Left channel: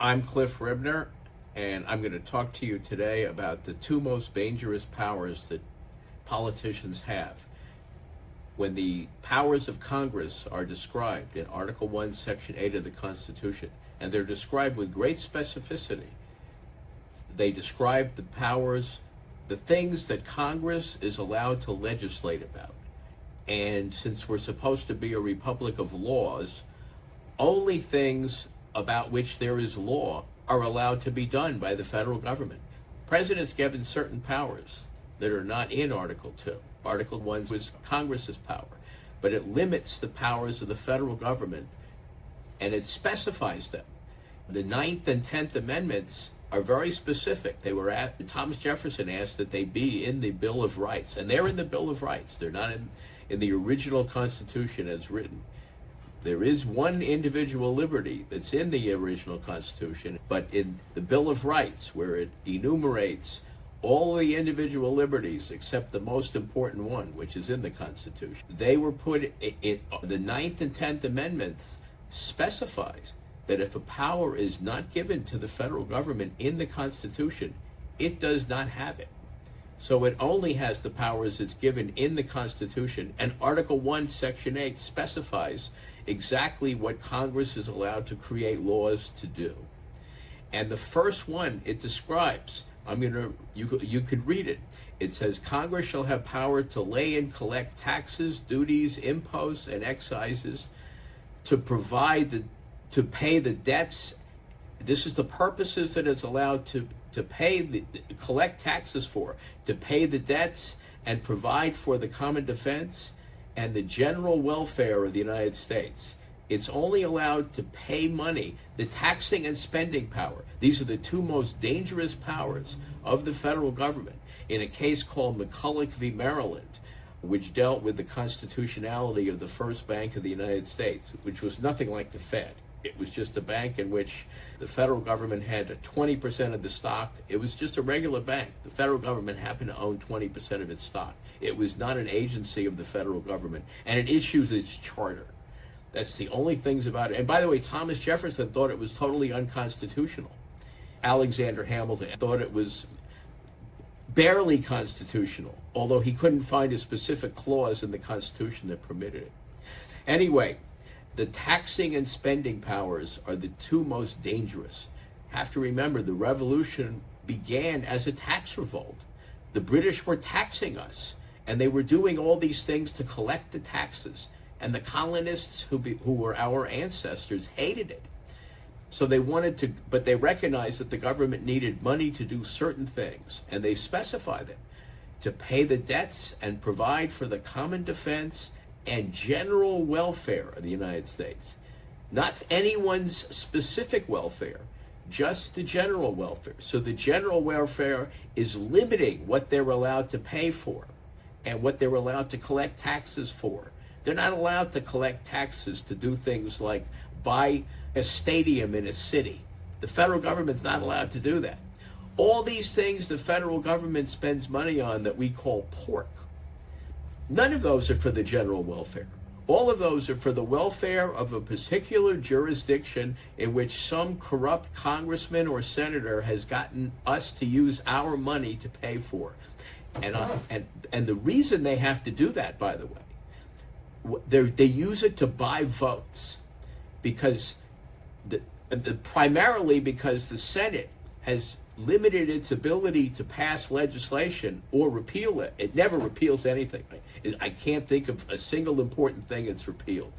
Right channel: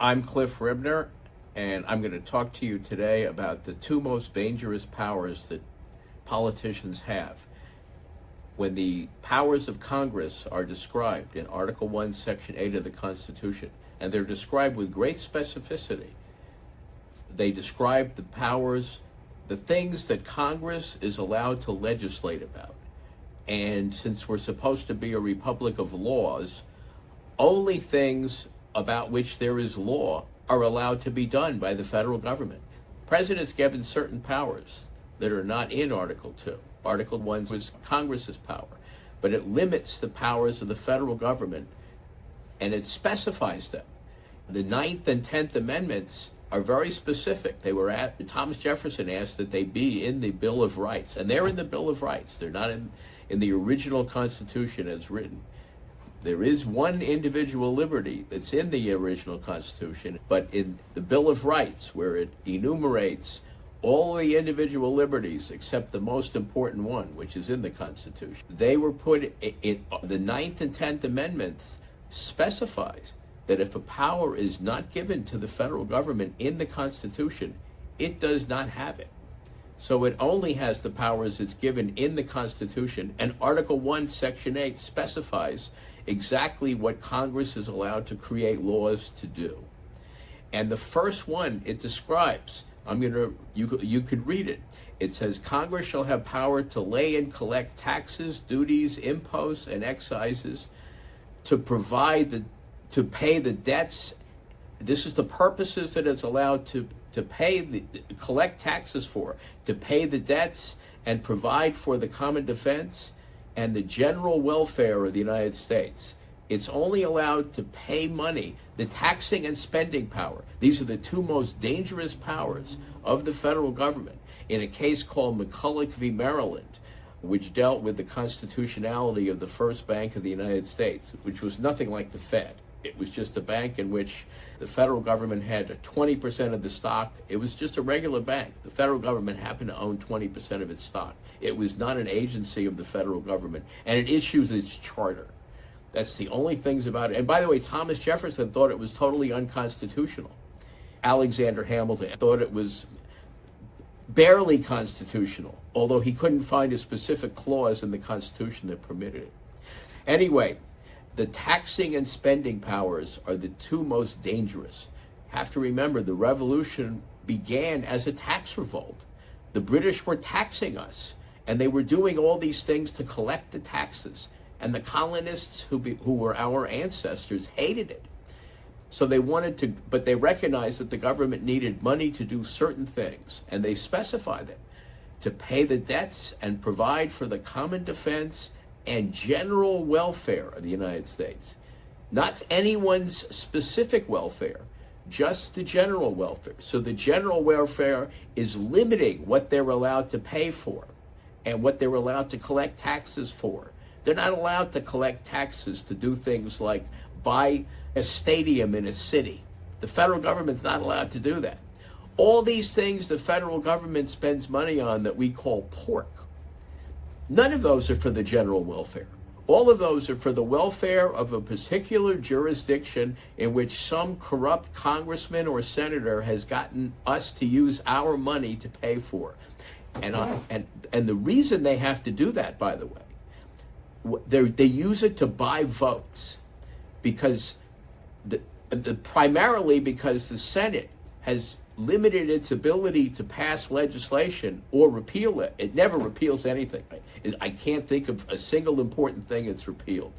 I'm Cliff Ribner, and I'm going to talk to you today about the two most dangerous powers that politicians have. When the powers of Congress are described in Article 1, Section 8 of the Constitution, and they're described with great specificity, they describe the powers, the things that Congress is allowed to legislate about. And since we're supposed to be a republic of laws, only things about which there is law are allowed to be done by the federal government. President's given certain powers that are not in Article 2. Article 1 was Congress's power, but it limits the powers of the federal government and it specifies them. The 9th and 10th Amendments are very specific. Thomas Jefferson asked that they be in the Bill of Rights, and they're in the Bill of Rights. They're not in the original Constitution as written. There is one individual liberty that's in the original Constitution, but in the Bill of Rights, where it enumerates all the individual liberties except the most important one, which is in the Constitution, they were put in the 9th and 10th Amendments specifies that if a power is not given to the federal government in the Constitution, it does not have it. So it only has the powers it's given in the Constitution, and Article 1, Section 8 specifies exactly what Congress is allowed to create laws to do. And the first one it describes, you could read it. It says, Congress shall have power to lay and collect taxes, duties, imposts, and excises, to pay the debts. This is the purposes that it's allowed to collect taxes for, to pay the debts and provide for the common defense and the general welfare of the United States. It's only allowed to pay money, the taxing and spending power. These are the two most dangerous powers of the federal government. In a case called McCulloch v. Maryland, which dealt with the constitutionality of the first bank of the United States, which was nothing like the Fed. It was just a bank in which the federal government had 20% of the stock. It was just a regular bank. The federal government happened to own 20% of its stock. It was not an agency of the federal government, and it issues its charter. That's the only things about it. And by the way, Thomas Jefferson thought it was totally unconstitutional. Alexander Hamilton thought it was barely constitutional, although he couldn't find a specific clause in the Constitution that permitted it. Anyway, the taxing and spending powers are the two most dangerous. Have to remember, the Revolution began as a tax revolt. The British were taxing us, and they were doing all these things to collect the taxes. And the colonists who were our ancestors hated it. So they but they recognized that the government needed money to do certain things, and they specified it to pay the debts and provide for the common defense and general welfare of the United States. Not anyone's specific welfare, just the general welfare. So the general welfare is limiting what they're allowed to pay for and what they're allowed to collect taxes for. They're not allowed to collect taxes to do things like buy a stadium in a city. The federal government's not allowed to do that. All these things the federal government spends money on that we call pork, none of those are for the general welfare. All of those are for the welfare of a particular jurisdiction in which some corrupt congressman or senator has gotten us to use our money to pay for. And the reason they have to do that, by the way, they use it to buy votes, because primarily because the Senate has limited its ability to pass legislation or repeal it. It never repeals anything. I can't think of a single important thing it's repealed.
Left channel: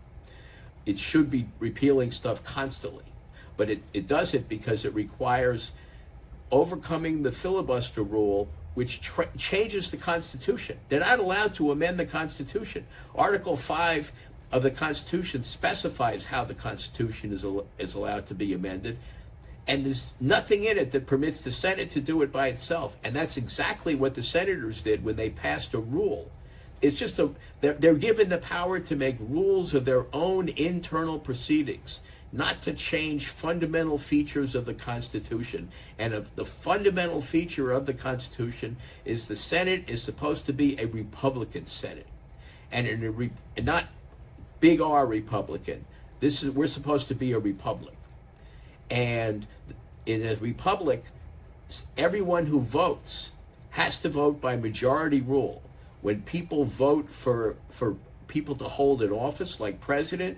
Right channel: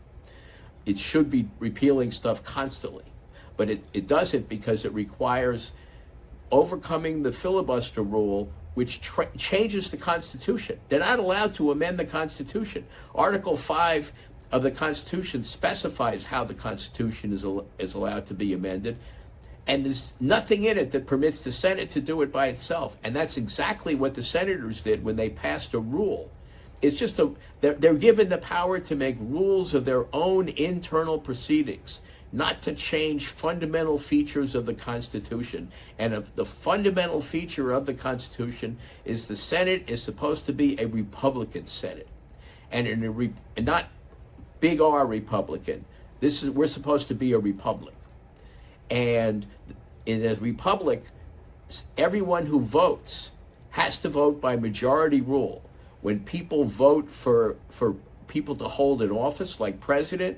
It should be repealing stuff constantly, but it doesn't, because it requires overcoming the filibuster rule, which changes the Constitution. They're not allowed to amend the Constitution. Article 5 of the Constitution specifies how the Constitution is allowed to be amended, and there's nothing in it that permits the Senate to do it by itself. And that's exactly what the senators did when they passed a rule. It's just they're given the power to make rules of their own internal proceedings, not to change fundamental features of the Constitution. And the fundamental feature of the Constitution is the Senate is supposed to be a Republican Senate, and not big R Republican. We're supposed to be a republic. And in a republic, everyone who votes has to vote by majority rule. When people vote for people to hold an office like president,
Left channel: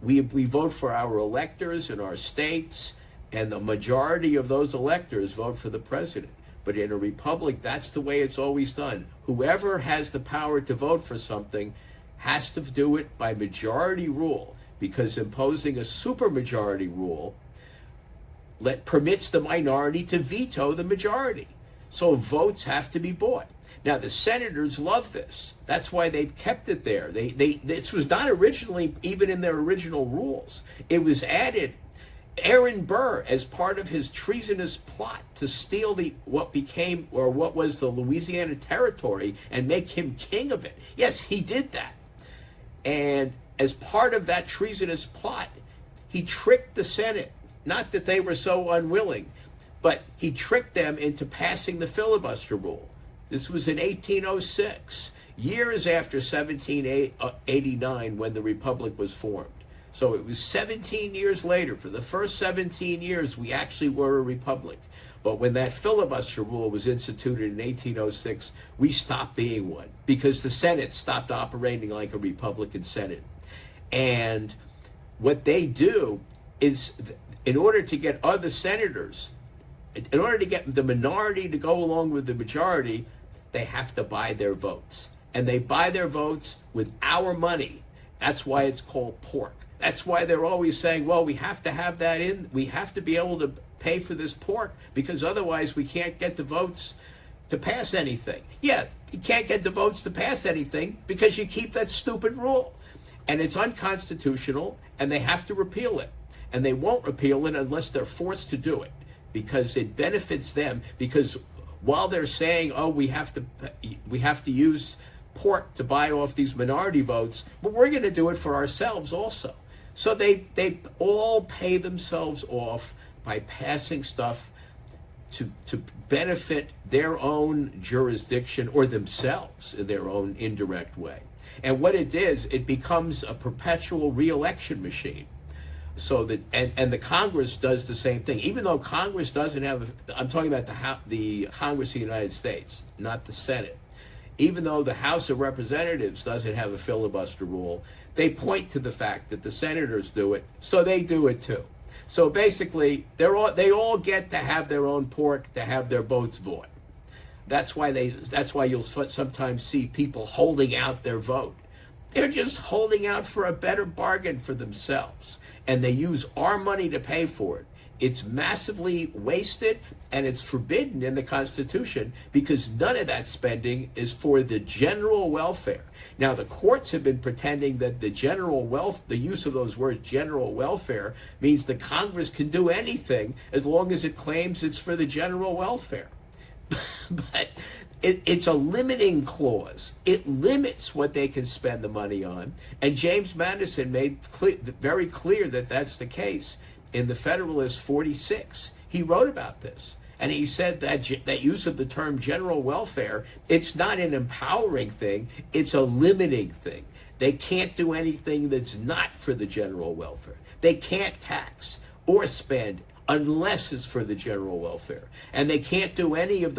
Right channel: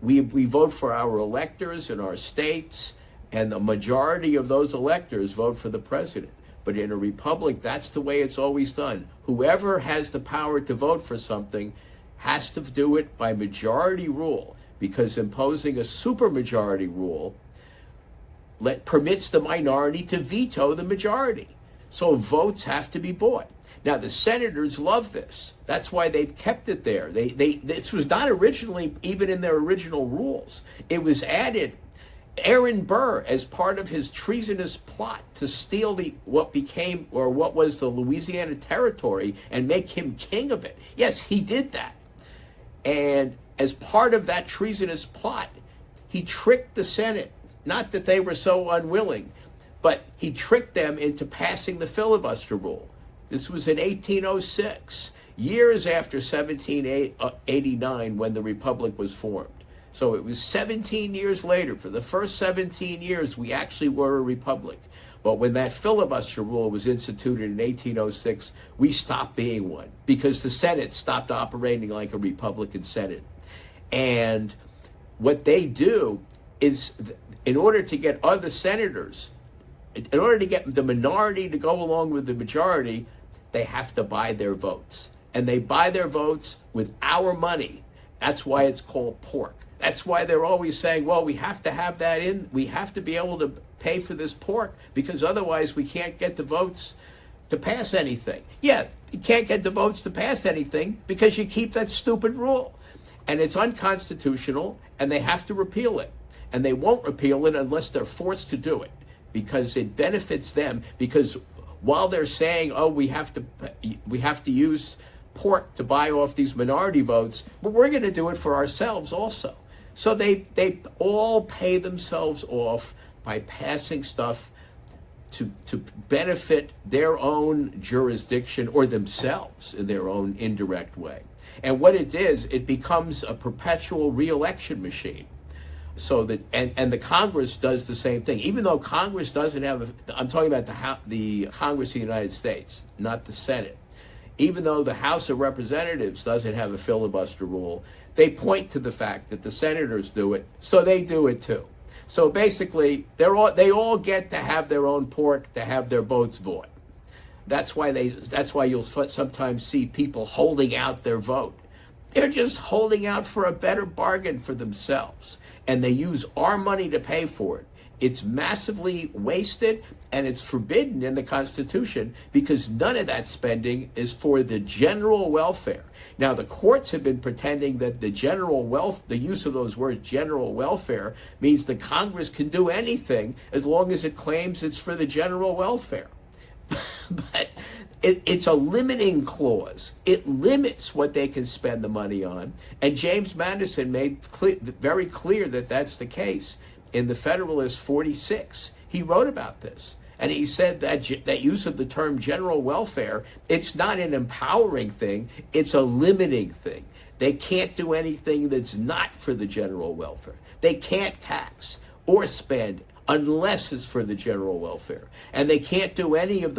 we vote for our electors in our states, and the majority of those electors vote for the president. But in a republic, that's the way it's always done. Whoever has the power to vote for something has to do it by majority rule, because imposing a supermajority rule permits the minority to veto the majority. So votes have to be bought. Now, the senators love this. That's why they've kept it there. This was not originally even in their original rules. It was added. Aaron Burr, as part of his treasonous plot to steal what was the Louisiana Territory and make him king of it. Yes, he did that. And as part of that treasonous plot, he tricked the Senate. Not that they were so unwilling, but he tricked them into passing the filibuster rule. This was in 1806, years after 1789, when the Republic was formed. So it was 17 years later. For the first 17 years, we actually were a republic. But when that filibuster rule was instituted in 1806, we stopped being one, because the Senate stopped operating like a Republican Senate. And what they do is, in order to get other senators, in order to get the minority to go along with the majority, they have to buy their votes. And they buy their votes with our money. That's why it's called pork. That's why they're always saying, well, we have to have that in. We have to be able to pay for this pork, because otherwise we can't get the votes to pass anything. Yeah, you can't get the votes to pass anything because you keep that stupid rule. And it's unconstitutional, and they have to repeal it. And they won't repeal it unless they're forced to do it, because it benefits them. Because while they're saying, oh, we have to use pork to buy off these minority votes, but we're going to do it for ourselves also. So they all pay themselves off by passing stuff to benefit their own jurisdiction or themselves in their own indirect way. And what it is, it becomes a perpetual re-election machine. So that and the Congress does the same thing. Even though Congress doesn't have, I'm talking about the Congress of the United States, not the Senate. Even though the House of Representatives doesn't have a filibuster rule, they point to the fact that the senators do it, so they do it too. So basically, they all get to have their own pork, to have their votes bought. That's why you'll sometimes see people holding out their vote. They're just holding out for a better bargain for themselves, and they use our money to pay for it. It's massively wasted, and it's forbidden in the Constitution, because none of that spending is for the general welfare. Now, the courts have been pretending that the use of those words, general welfare, means that Congress can do anything as long as it claims it's for the general welfare. But it's a limiting clause. It limits what they can spend the money on. And James Madison made very clear that that's the case. In the Federalist 46, he wrote about this. And he said that use of the term general welfare, it's not an empowering thing, it's a limiting thing. They can't do anything that's not for the general welfare. They can't tax or spend unless it's for the general welfare. And they can't do any of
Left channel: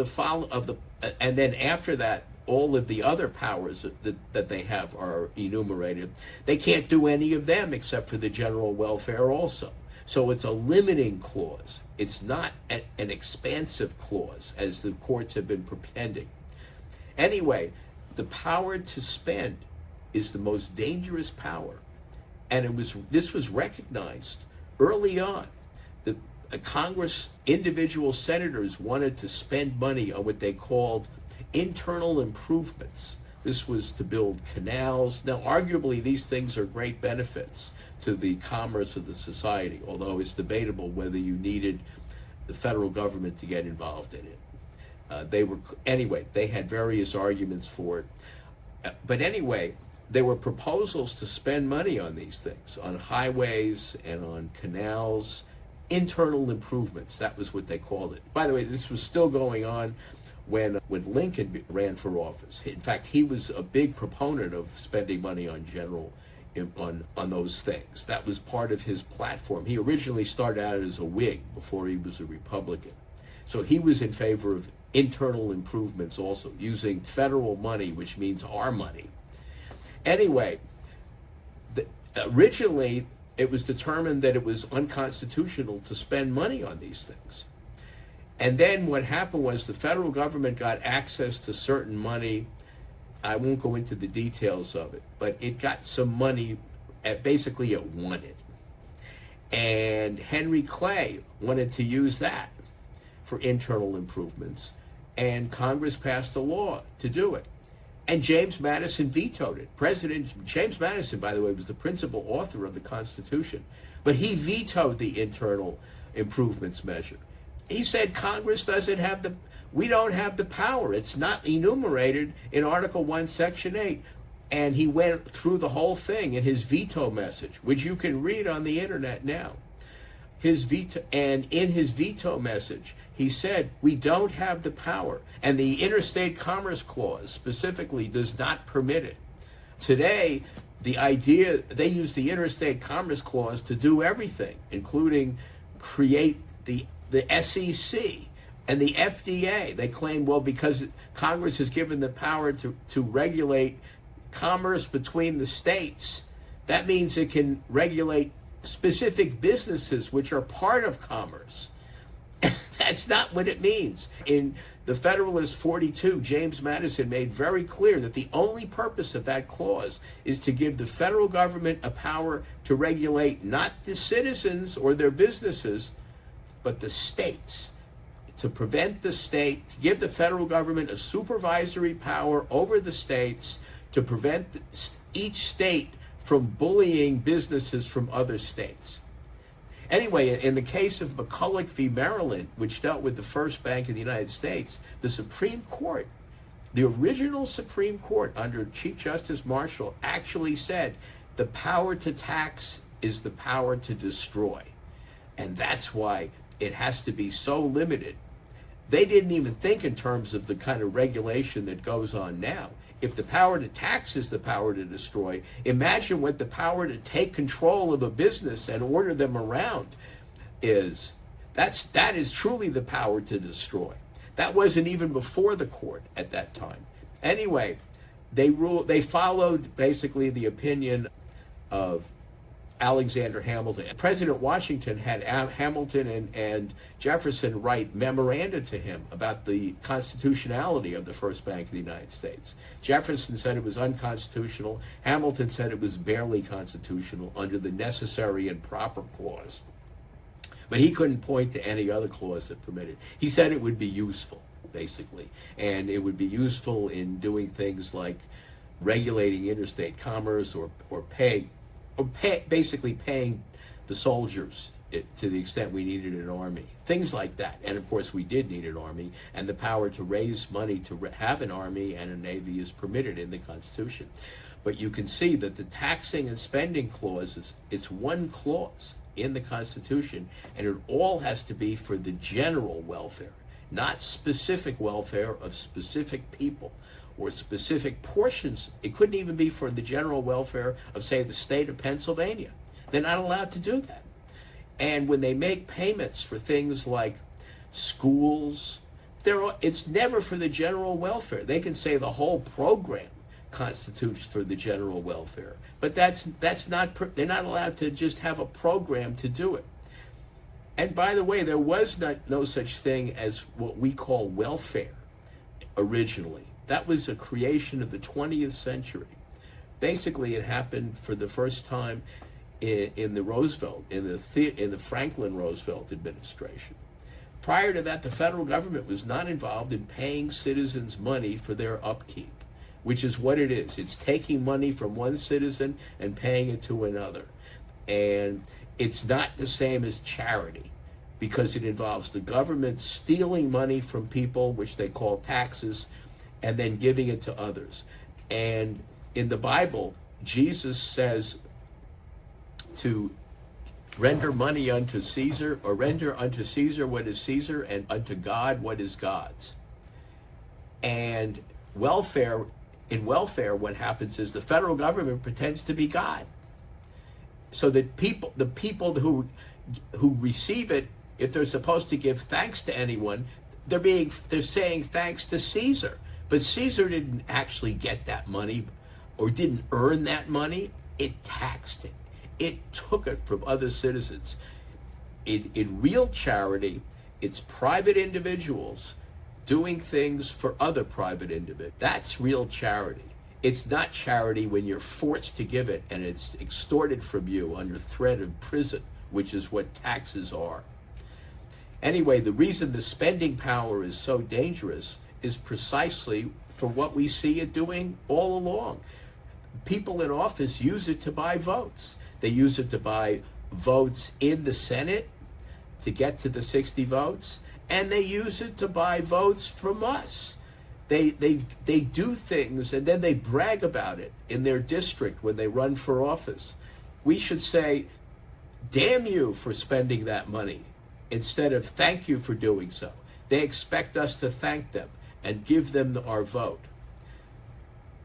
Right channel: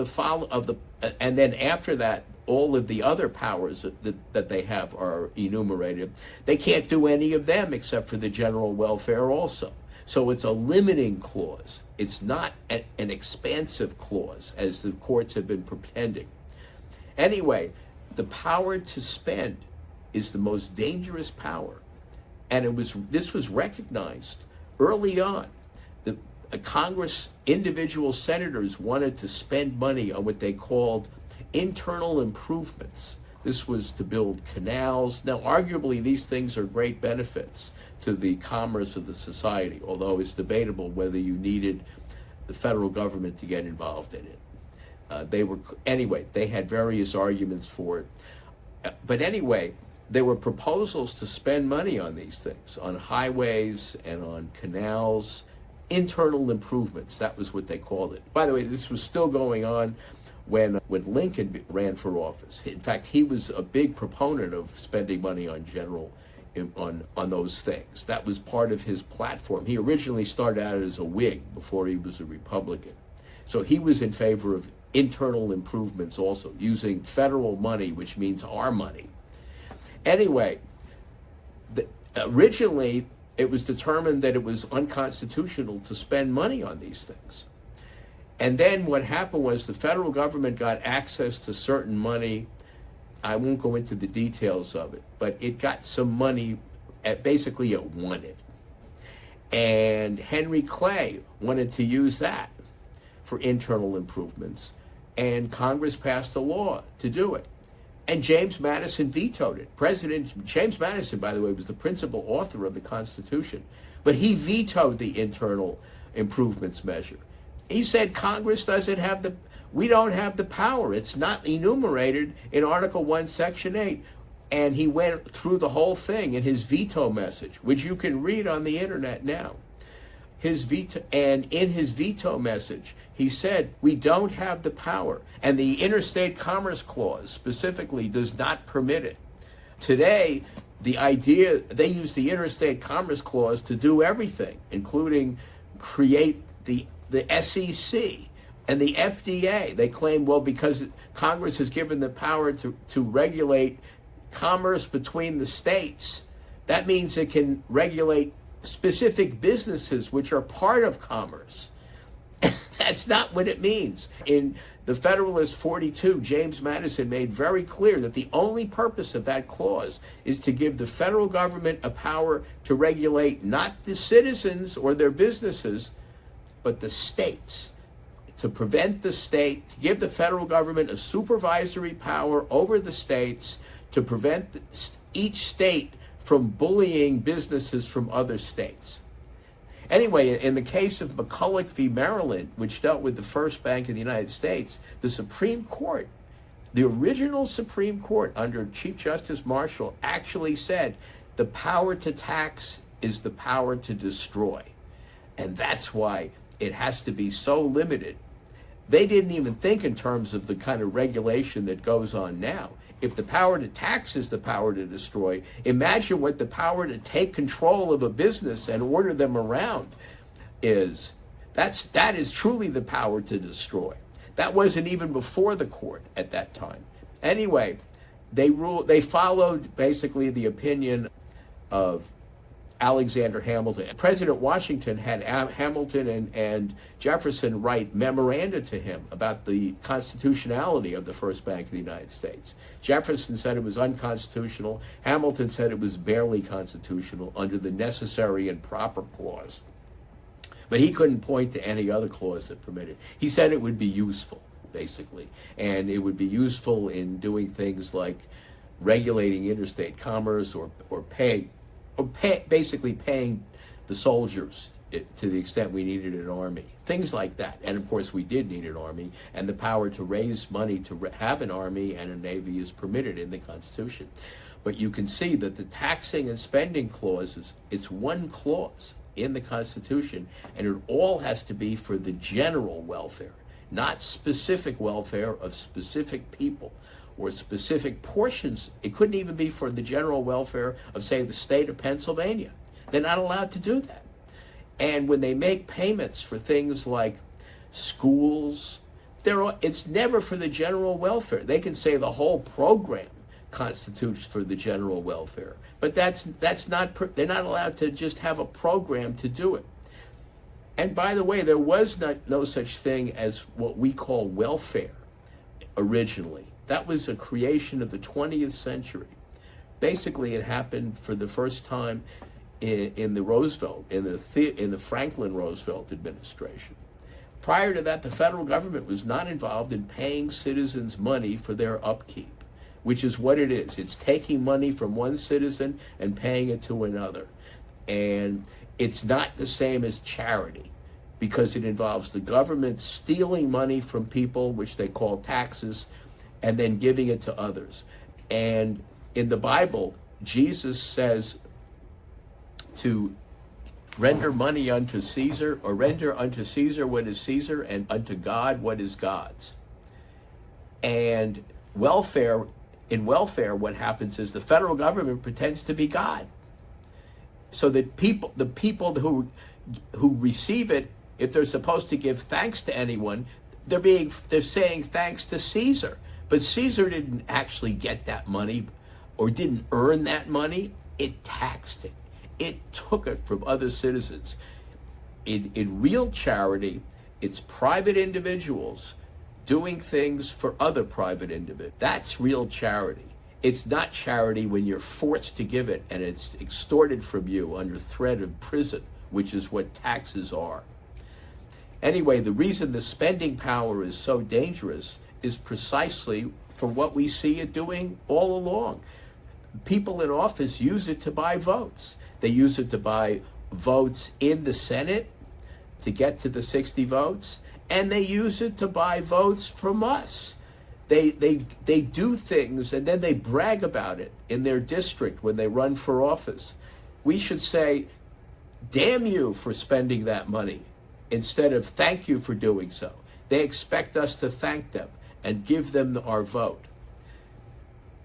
and then after that, all of the other powers that they have are enumerated. They can't do any of them except for the general welfare also. So it's a limiting clause. It's not an expansive clause, as the courts have been pretending. Anyway, the power to spend is the most dangerous power. And this was recognized early on. The Congress, individual senators wanted to spend money on what they called internal improvements. This was to build canals. Now, arguably, these things are great benefits to the commerce of the society, although it's debatable whether you needed the federal government to get involved in it. They had various arguments for it. But anyway, there were proposals to spend money on these things, on highways and on canals, internal improvements. That was what they called it. By the way, this was still going on when Lincoln ran for office. In fact, he was a big proponent of spending money on general on those things. That was part of his platform. He originally started out as a Whig before he was a Republican. So he was in favor of internal improvements also, using federal money, which means our money. Anyway, originally it was determined that it was unconstitutional to spend money on these things. And then what happened was the federal government got access to certain money. I won't go into the details of it, but it got some money, basically it wanted. And Henry Clay wanted to use that for internal improvements, and Congress passed a law to do it. And James Madison vetoed it. President James Madison, by the way, was the principal author of the Constitution, but he vetoed the internal improvements measure. He said Congress doesn't have we don't have the power. It's not enumerated in Article 1, Section 8. And he went through the whole thing in his veto message, which you can read on the internet now. And in his veto message, he said, we don't have the power. And the Interstate Commerce Clause specifically does not permit it. Today, the idea, they use the Interstate Commerce Clause to do everything, including create the SEC and the FDA. They claim, well, because Congress has given the power to regulate commerce between the states, that means it can regulate specific businesses which are part of commerce. That's not what it means. In the Federalist 42, James Madison made very clear that the only purpose of that clause is to give the federal government a power to regulate not the citizens or their businesses, but the states. To prevent the state, to give the federal government a supervisory power over the states, to prevent each state from bullying businesses from other states. Anyway, in the case of McCulloch v. Maryland, which dealt with the First Bank of the United States, the Supreme Court, the original Supreme Court under Chief Justice Marshall, actually said the power to tax is the power to destroy. And that's why it has to be so limited. They didn't even think in terms of the kind of regulation that goes on now. If the power to tax is the power to destroy, imagine what the power to take control of a business and order them around is. That is truly the power to destroy. That wasn't even before the court at that time. Anyway, they followed basically the opinion of Alexander Hamilton. President Washington had Hamilton and Jefferson write memoranda to him about the constitutionality of the First Bank of the United States. Jefferson said it was unconstitutional. Hamilton said it was barely constitutional under the necessary and proper clause. But he couldn't point to any other clause that permitted. He said it would be useful, basically. And it would be useful in doing things like regulating interstate commerce or basically paying the soldiers to the extent we needed an army, things like that. And of course, we did need an army, and the power to raise money to have an army and a navy is permitted in the Constitution. But you can see that the taxing and spending clauses, it's one clause in the Constitution, and it all has to be for the general welfare, not specific welfare of specific people or specific portions. It couldn't even be for the general welfare of, say, the state of Pennsylvania. They're not allowed to do that. And when they make payments for things like schools, it's never for the general welfare. They can say the whole program constitutes for the general welfare, but that's not. They're not allowed to just have a program to do it. And by the way, there was no such thing as what we call welfare originally. That was a creation of the 20th century. Basically, it happened for the first time in the Franklin Roosevelt administration. Prior to that, the federal government was not involved in paying citizens money for their upkeep, which is what it is. It's taking money from one citizen and paying it to another. And it's not the same as charity, because it involves the government stealing money from people, which they call taxes, and then giving it to others. And in the Bible, Jesus says to render money unto Caesar, or render unto Caesar what is Caesar, and unto God what is God's. And in welfare, what happens is the federal government pretends to be God. so that the people who receive it, if they're supposed to give thanks to anyone, they're saying thanks to Caesar. But Caesar didn't actually get that money or didn't earn that money. It taxed it. It took it from other citizens. In real charity, it's private individuals doing things for other private individuals. That's real charity. It's not charity when you're forced to give it and it's extorted from you under threat of prison, which is what taxes are. Anyway, the reason the spending power is so dangerous is precisely for what we see it doing all along. People in office use it to buy votes. They use it to buy votes in the Senate to get to the 60 votes, and they use it to buy votes from us. They do things and then they brag about it in their district when they run for office. We should say, damn you for spending that money, instead of thank you for doing so. They expect us to thank them and give them our vote.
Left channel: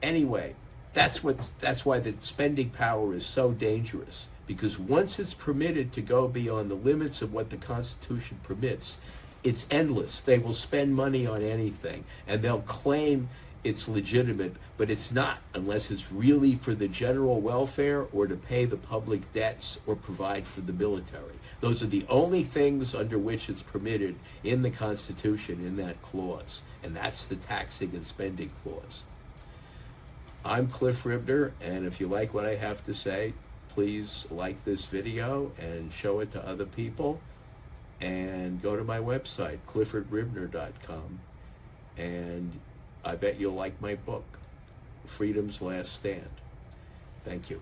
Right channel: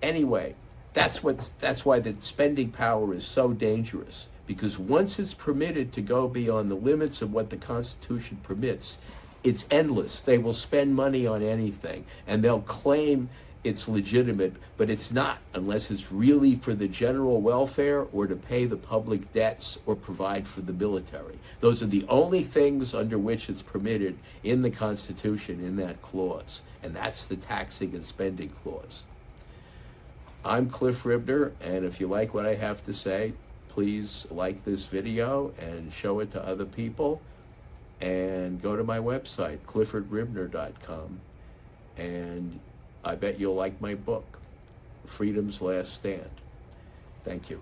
Anyway, that's why the spending power is so dangerous, because once it's permitted to go beyond the limits of what the Constitution permits, it's endless. They will spend money on anything, and they'll claim it's legitimate, but it's not, unless it's really for the general welfare or to pay the public debts or provide for the military. Those are the only things under which it's permitted in the Constitution, in that clause, and that's the taxing and spending clause. I'm Cliff Ribner, and if you like what I have to say, please like this video and show it to other people. And go to my website, cliffordribner.com, and I bet you'll like my book, Freedom's Last Stand. Thank you.